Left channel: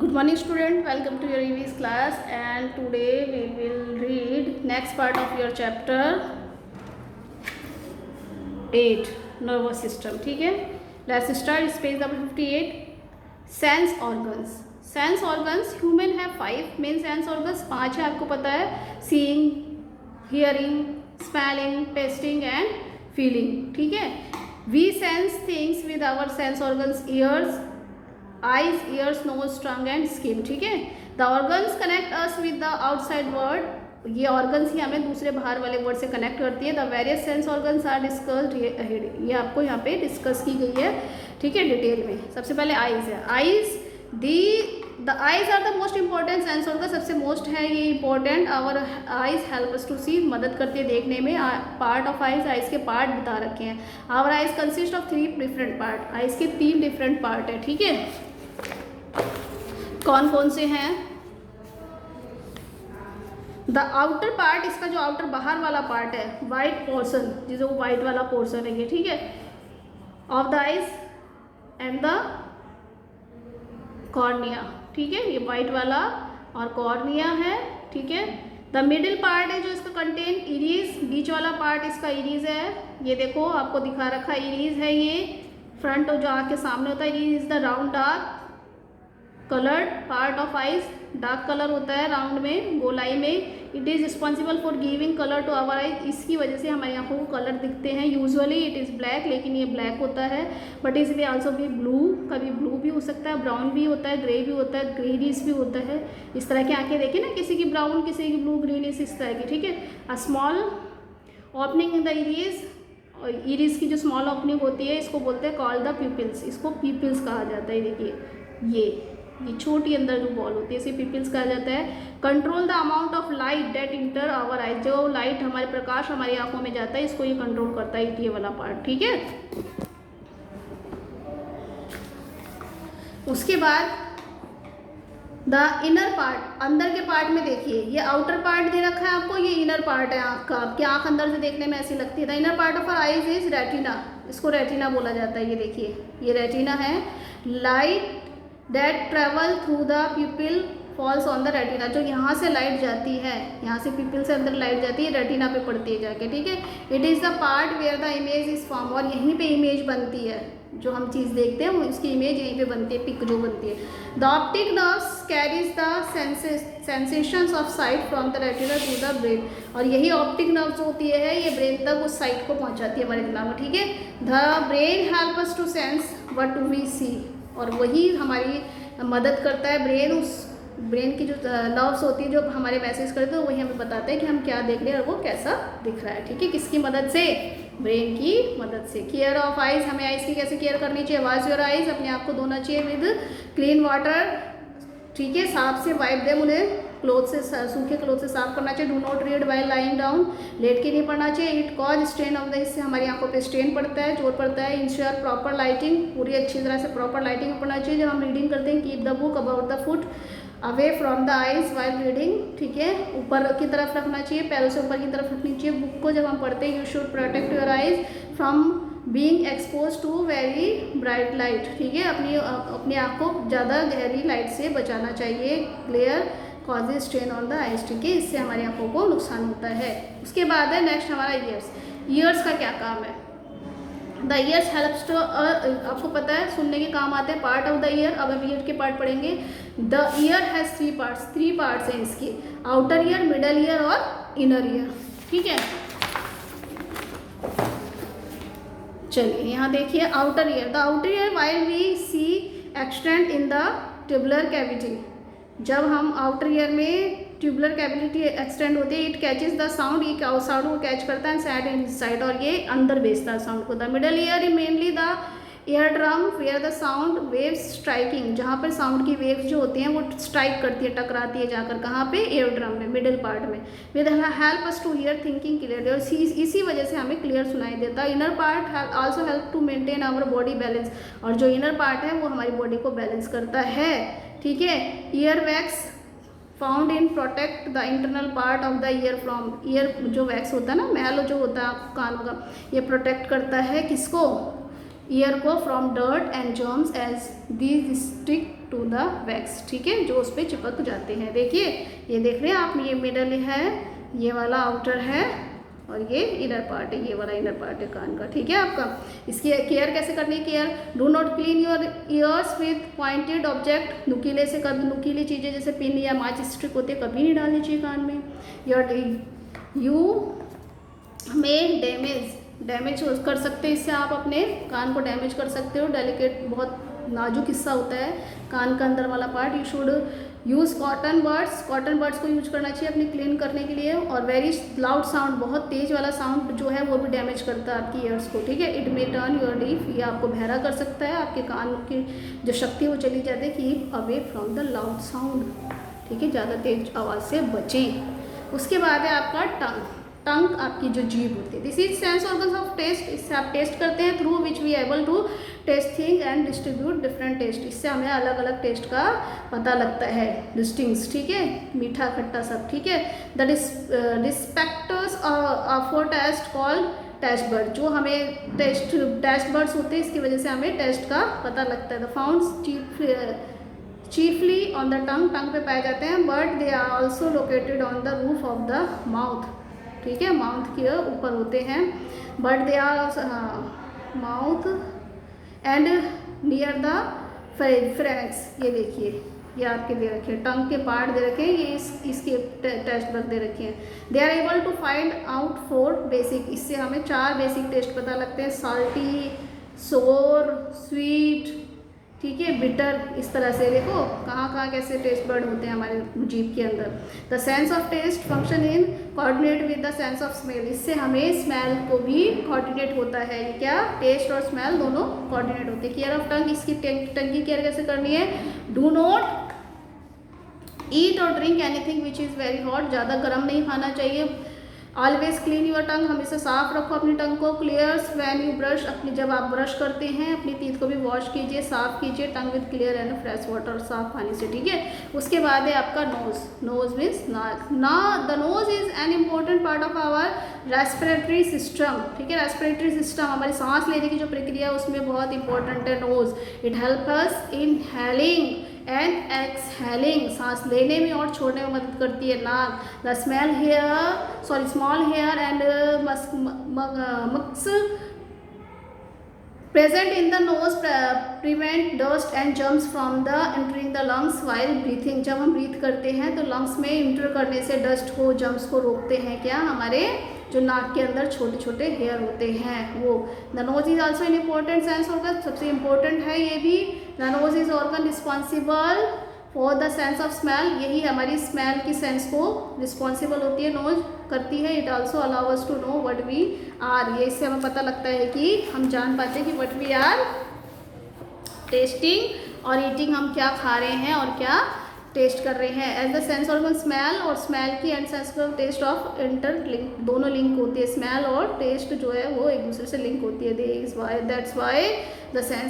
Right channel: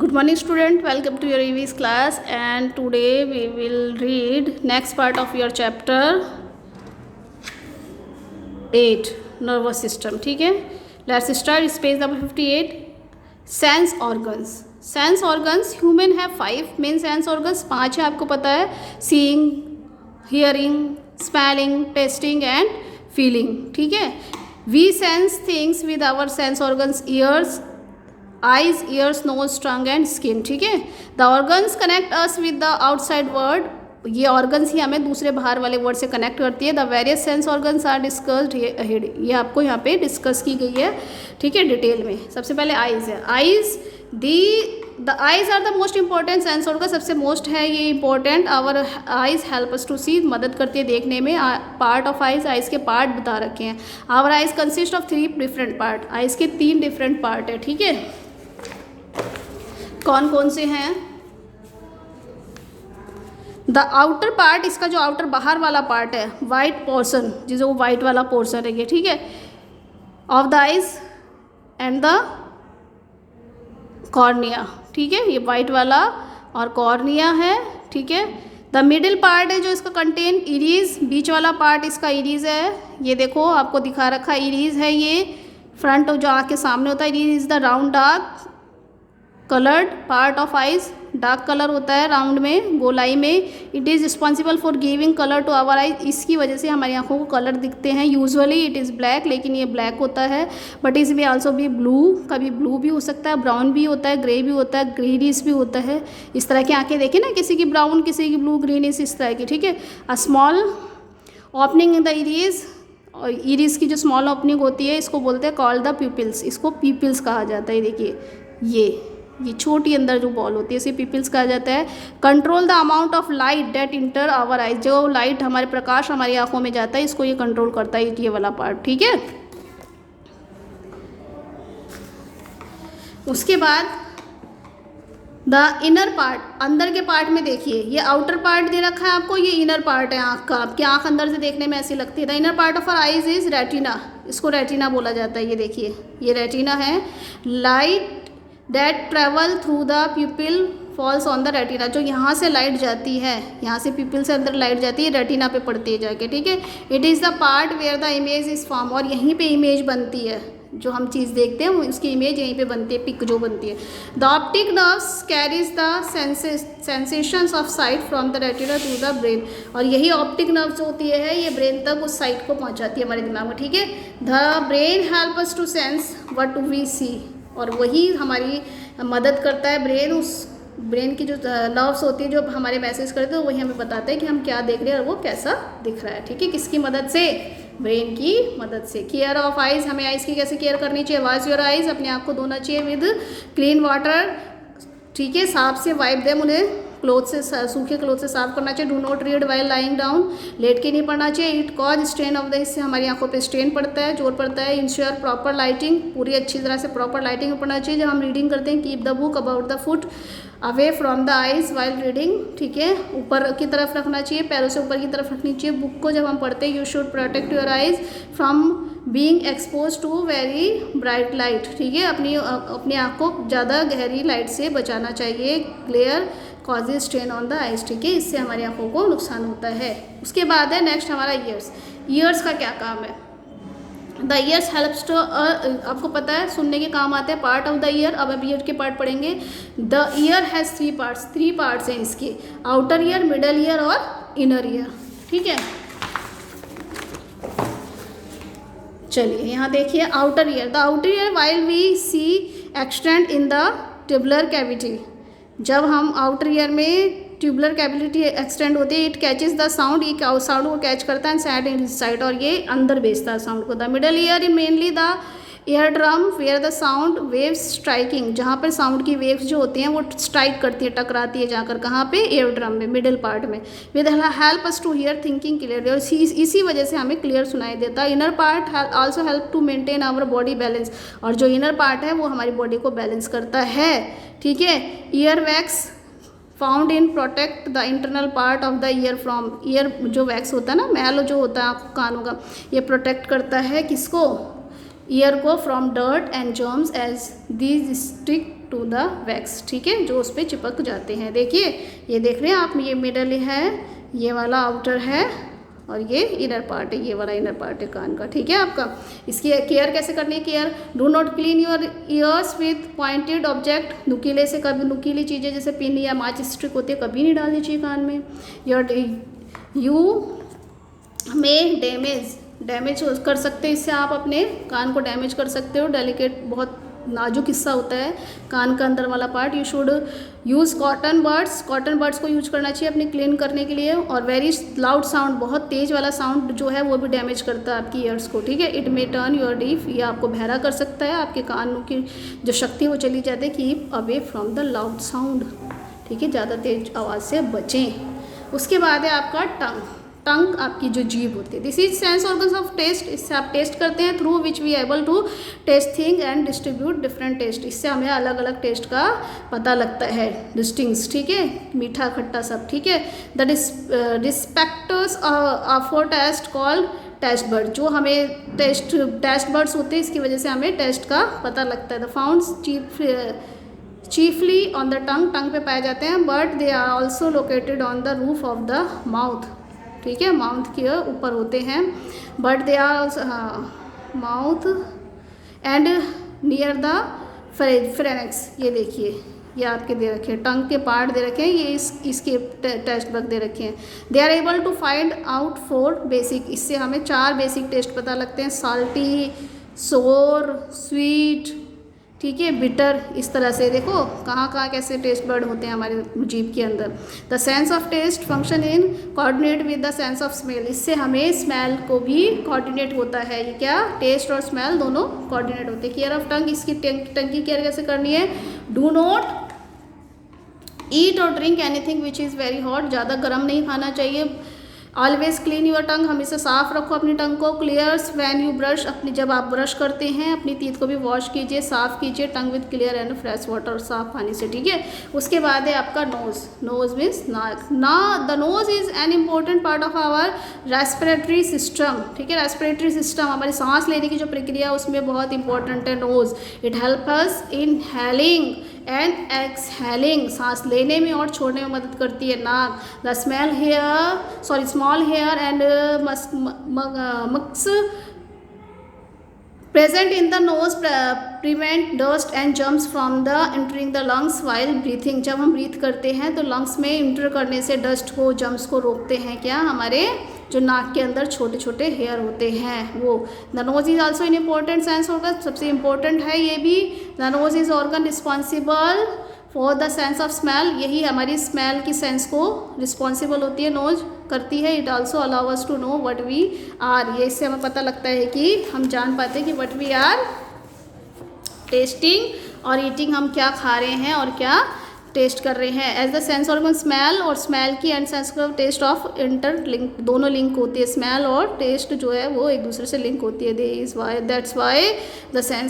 Good morning student, welcome to your EV's class and today we will read next part of your chapter 8 nervous system. ठीक है, let's start page number 58. Sense organs. Sense organs human have 5 main sense organs. 5 है, आपको पता है, seeing, hearing, smelling, tasting and feeling. ठीक है, we sense things with our sense organs, ears, eyes, ears, nose, tongue and skin. ठीक है, the organs connect us with the outside world. ये organs ही हमें दूसरे बाहर वाले वर्ड से कनेक्ट करती है. The various sense organs are discussed ahead. ये आपको यहाँ पे डिस्कस की गई है. ठीक है, डिटेल में. सबसे पहले आइज़ है. Eyes the eyes are the most important sense organ. सबसे मोस्ट है ये important. Our eyes help us to see, मदद करती है देखने में. पार्ट ऑफ आइज़, आइज़ के पार्ट बता रखे हैं. Our eyes consist of 3 different part. Eyes के 3 डिफरेंट पार्ट है. ठीक है, कौन कौन से हैं? द आउटर पार्ट, इसका जो आउटर बाहर वाला पार्ट है, वाइट पोर्शन, जिसे वो वाइट वाला पोर्शन है ये. ठीक है, of the eyes and the cornea. ठीक है, ये वाइट वाला और कॉर्निया है. ठीक है, द मिडिल पार्ट है जो इसका कंटेन इरीज. बीच वाला पार्ट इसका इरीज है. ये देखो आपको दिखा रखा इरीज है. ये फ्रंट जो आँख के सामने होता है, iris is the round dark coloured part of eyes. Dark colour होता है राउंड में, गोलाई में. It is responsible for giving colour to our eyes. इसकी वजह से हमारी आंखों को कलर दिखते हैं. यूजुअली इट इज़ ब्लैक, लेकिन ये ब्लैक होता है. बट इस में आल्सो भी ब्लू, कभी ब्लू भी हो सकता है, ब्राउन भी होता है, ग्रे भी होता है, ग्रीनिश भी होता है. इस तरह की आंखें देखें ना, किसी की ब्राउन, किसी की ब्लू, ग्रीनिश, इस तरह की. ठीक है, a small opening in the iris. और इरीज की जो स्मॉल ओपनिंग होती है इसको बोलते हैं कॉल्ड द प्यूपिल्स. इसको प्यूपिल्स कहा जाता है. देखिए ये छोटी अंदर जो बॉल होती है इसे पिपल्स कहा जाता है. Control the amount of light that enter our eyes. जो लाइट हमारे प्रकाश हमारी आंखों में जाता है इसको ये कंट्रोल करता है, ये वाला पार्ट. ठीक है, उसके बाद द इनर पार्ट. अंदर के पार्ट में देखिए, ये आउटर पार्ट दे रखा है आपको, ये इनर पार्ट है आँख का. आपकी आँख अंदर से देखने में ऐसी लगती है. The inner part of our eyes is retina. इसको रेटिना बोला जाता है. ये देखिए, ये रेटिना है. Light that travel through the pupil falls on the retina. जो यहाँ से लाइट जाती है, यहाँ से प्यूपिल से अंदर लाइट जाती है, रेटिना पे पड़ती है जाके. ठीक है, it is the part where the image is form. और यहीं पे इमेज बनती है. जो हम चीज़ देखते हैं उसकी इमेज यहीं पे बनती है, पिक जो बनती है. The optic nerves carries the sensations of sight from the retina to the brain. और यही ऑप्टिक नर्व्स होती है, ये ब्रेन तक उस साइट को पहुँचाती है हमारे दिमाग में. ठीक है, the brain help us to sense what we see. और वही हमारी मदद करता है. ब्रेन, उस ब्रेन की जो नर्व्स होती है जो हमारे मैसेज करते हैं, वही हमें बताते हैं कि हम क्या देख रहे हैं और वो कैसा दिख रहा है. ठीक है, किसकी मदद से? ब्रेन की मदद से. Care of eyes. हमें आइज़ की कैसे केयर करनी चाहिए? Wash your eyes. अपने आप को धोना चाहिए विद क्लीन वाटर. ठीक है, साफ से वाइप देम. उन्हें क्लोथ से, सूखे क्लोथ से साफ करना चाहिए. Do not read while lying down. लेट के नहीं पढ़ना चाहिए. It cause strain of the. इससे हमारी आंखों पे स्ट्रेन पड़ता है, जोर पड़ता है. Ensure proper lighting. पूरी अच्छी तरह से प्रॉपर लाइटिंग में पढ़ना चाहिए जब हम रीडिंग करते हैं. Keep the book about the foot away from the eyes while reading. ठीक है, ऊपर की तरफ रखना चाहिए, पैरों से ऊपर की तरफ रखनी चाहिए बुक को जब हम पढ़ते हैं. You should protect your eyes from being expose to very bright light. ठीक है, अपनी आँख को ज़्यादा गहरी लाइट से बचाना चाहिए. Clear causes strain on the eyes. ठीक है, इससे हमारी आंखों को नुकसान होता है. उसके बाद है नेक्स्ट हमारा ईयर्स. ईयर्स का क्या काम है? द ईयर्स हेल्प्स टू, आपको पता है सुनने के काम आते हैं. Part of the ear. अब हम ईयर के पार्ट पढ़ेंगे. The ear has 3 parts. 3 parts हैं इसके. आउटर ईयर, मिडल ईयर और इनर ईयर. ठीक है, चलिए यहाँ देखिए outer ear. The outer ear while we see extend in the tubular cavity. जब हम आउटर ईयर में ट्यूबुलर कैविटी एक्सटेंड होती है, इट कैचेस द साउंड. ये साउंड को कैच करता है साइड इन साइड, और ये अंदर भेजता है साउंड को. The middle ear mainly the air drum where the sound waves striking. जहाँ पर साउंड की वेव्स जो होती हैं वो स्ट्राइक करती है, टकराती है जाकर. कहाँ पे? एयर ड्रम में, मिडिल पार्ट में. With help us to hear thinking clearly. और इसी वजह से हमें क्लियर सुनाई देता है. Inner part also help to maintain our body balance. और जो इनर पार्ट है वो हमारी बॉडी को बैलेंस करता है. ठीक है, ear wax found in protect the internal part of the year from. Year जो वैक्स होता है ना, मैल जो होता है कानों का, ये प्रोटेक्ट करता है किसको? ईयर को from dirt and germs as these stick to the wax, ठीक है, जो उस पर चिपक जाते हैं। देखिए ये देख रहे हैं आप, ये मिडल है, ये वाला आउटर है और ये इनर पार्ट है, ये वाला इनर पार्ट है कान का, ठीक है आपका। इसकी केयर कैसे करनी है? Care, do not clean your ears with pointed object, नुकीले से, कभी नुकीली चीज़ें जैसे पिन या माचिस स्टिक होते कभी नहीं डालनी चाहिए कान में। यू में डैमेज कर सकते हैं, इससे आप अपने कान को डैमेज कर सकते हो। डेलिकेट, बहुत नाजुक हिस्सा होता है कान का अंदर वाला part. You should use cotton buds को यूज करना चाहिए अपने क्लीन करने के लिए। और वेरी लाउड साउंड, बहुत तेज़ वाला साउंड जो है वो भी डैमेज करता है आपकी ईयर्स को, ठीक है। It may turn your deaf, ये आपको बहरा कर सकता है, आपके कान की जो शक्ति वो चली जाती है। Keep away from the loud sound, ठीक है, ज़्यादा तेज आवाज़ से बचें। उसके बाद है आपका टंग, आपकी जो जीभ होती है। This is sense organs of taste, इससे आप टेस्ट करते हैं, through which we able to taste thing and distribute different taste, इससे हमें अलग अलग टेस्ट का पता लगता है, डिस्टिंग्स, ठीक है, मीठा खट्टा सब, ठीक है। The receptors for taste called taste bud, जो हमें टेस्ट बर्ड्स होते हैं, इसकी वजह से हमें टेस्ट का पता लगता है। They found chiefly on the tongue पे पाए जाते हैं, but they are also located on the roof of the mouth, ठीक है, माउथ के ऊपर होते हैं। But they are mouth and near the frenulum, ये देखिए, ये आपके दे रखे हैं, टंग के पार्ट दे रखे हैं, ये इसके टेस्ट बग दे रखे हैं। They are able to find out 4 basic, इससे हमें 4 बेसिक टेस्ट पता लगते हैं, साल्टी, सोर, स्वीट, ठीक है, बिटर, इस तरह से। देखो कहाँ कैसे टेस्ट बर्ड होते हैं हमारे जीभ के अंदर। The sense of taste function in coordinate with the sense of smell, इससे हमें स्मेल को भी कोऑर्डिनेट होता है। ये क्या, टेस्ट और स्मेल दोनों कोऑर्डिनेट होते हैं। केयर ऑफ टंग, इसकी टंग की केयर कैसे करनी है? डू नॉट ईट और drink anything which is very hot, ज़्यादा गर्म नहीं खाना चाहिए। ऑलवेज क्लीन योर टंग, हमेशा साफ रखो अपनी टंग को। क्लियर्स व्हेन यू ब्रश, अपनी जब आप ब्रश करते हैं अपनी टीथ को भी वॉश कीजिए, साफ कीजिए tongue with clear and fresh water, साफ पानी से, ठीक है। उसके बाद है आपका नोज मीन्स नाक। The nose is an important part of our respiratory system, ठीक है। रेस्पिरेटरी सिस्टम, हमारी सांस लेने की जो प्रक्रिया उसमें बहुत इंपॉर्टेंट है nose. It help us inhaling and exhaling, सांस लेने में और छोड़ने में मदद करती है नाक। The small hair and mucus present in the nose prevent dust and germs from the entering the lungs while breathing, जब हम ब्रीथ करते हैं तो लंग्स में इंटर करने से डस्ट को, जर्म्स को रोकते हैं क्या, हमारे जो नाक के अंदर छोटे छोटे हेयर होते हैं वो। The nose is also an important sense organ, सबसे इम्पोर्टेंट है ये भी। The nose is organ responsible for the sense of smell, यही हमारी स्मेल की सेंस को रिस्पॉन्सिबल होती है, नोज करती है। It also allow us to know what we are, ये इससे हमें पता लगता है कि हम जान पाते हैं कि वट वी आर टेस्टिंग और ईटिंग, हम क्या खा रहे हैं और क्या टेस्ट कर रहे हैं। As the sense organ smell, और स्मेल की and sense of taste of interlink, दोनों लिंक होती है, स्मेल और टेस्ट जो है वो एक दूसरे से लिंक होती है। That's why the sense